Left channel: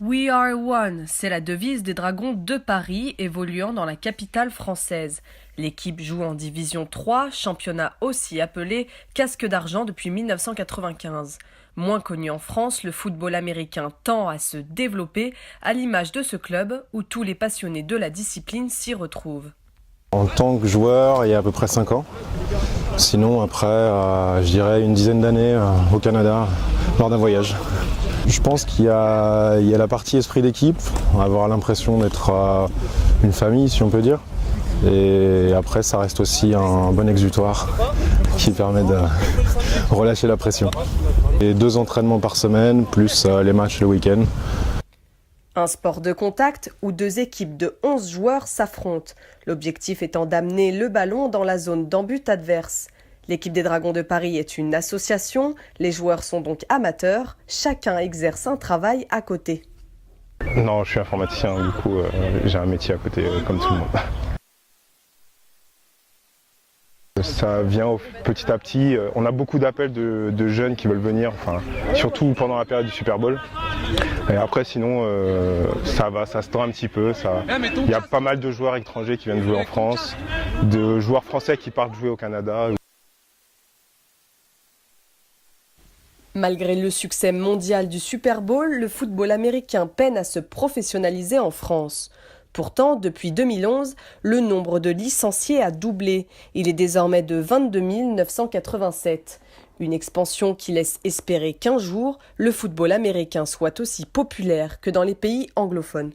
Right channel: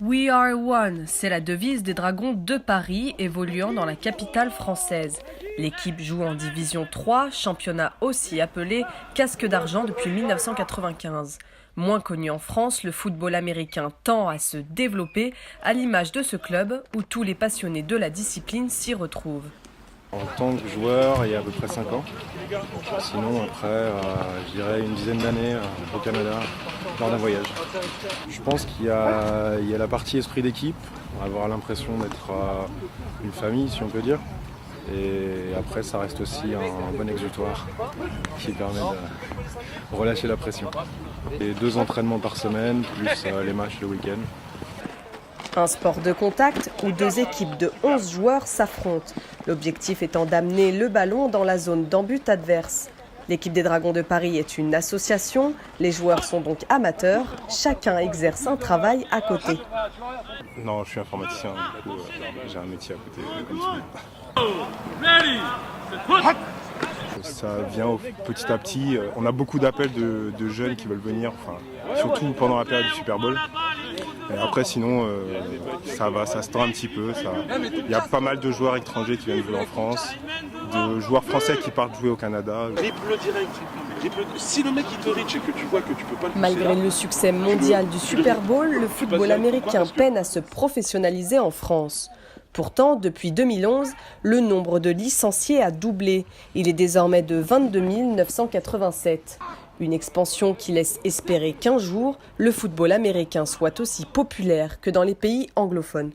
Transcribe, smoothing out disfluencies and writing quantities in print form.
We are one, c'est la devise des Dragons de Paris évoluant dans la capitale française. L'équipe joue en division 3, championnat aussi appelé casque d'argent depuis 1995. Moins connu en France, le football américain tend à se développer à l'image de ce club où tous les passionnés de la discipline s'y retrouvent. En tant que joueur, il y a à peu près 5 ans. Sinon, après, je dirais une dizaine d'années au Canada, lors d'un voyage. Je pense qu'il y a la partie esprit d'équipe, on va avoir l'impression d'être une famille, si on peut dire. Et après, ça reste aussi un bon exutoire qui permet de relâcher la pression. Et 2 entraînements par semaine, plus les matchs le week-end. Un sport de contact où 2 équipes de 11 joueurs s'affrontent. L'objectif étant d'amener le ballon dans la zone d'en-but adverse. L'équipe des Dragons de Paris est une association, les joueurs sont donc amateurs, chacun exerce un travail à côté. Non, je suis informaticien, du coup j'ai un métier à côté comme tout le monde. Ça vient petit à petit. On a beaucoup d'appels de jeunes qui veulent venir, surtout pendant la période du Super Bowl. Et après, sinon, ça se tend un petit peu. Il y a pas mal de joueurs étrangers qui viennent jouer en France, de joueurs français qui partent jouer au Canada. Si le mec il te reach et que tu vois que tu peux pas... Malgré le succès mondial du Super Bowl, le football américain peine à se professionnaliser en France. Pourtant, depuis 2011, le nombre de licenciés a doublé. Il est désormais de 22 987. Une expansion qui laisse espérer qu'un jour, le football américain soit aussi populaire que dans les pays anglophones.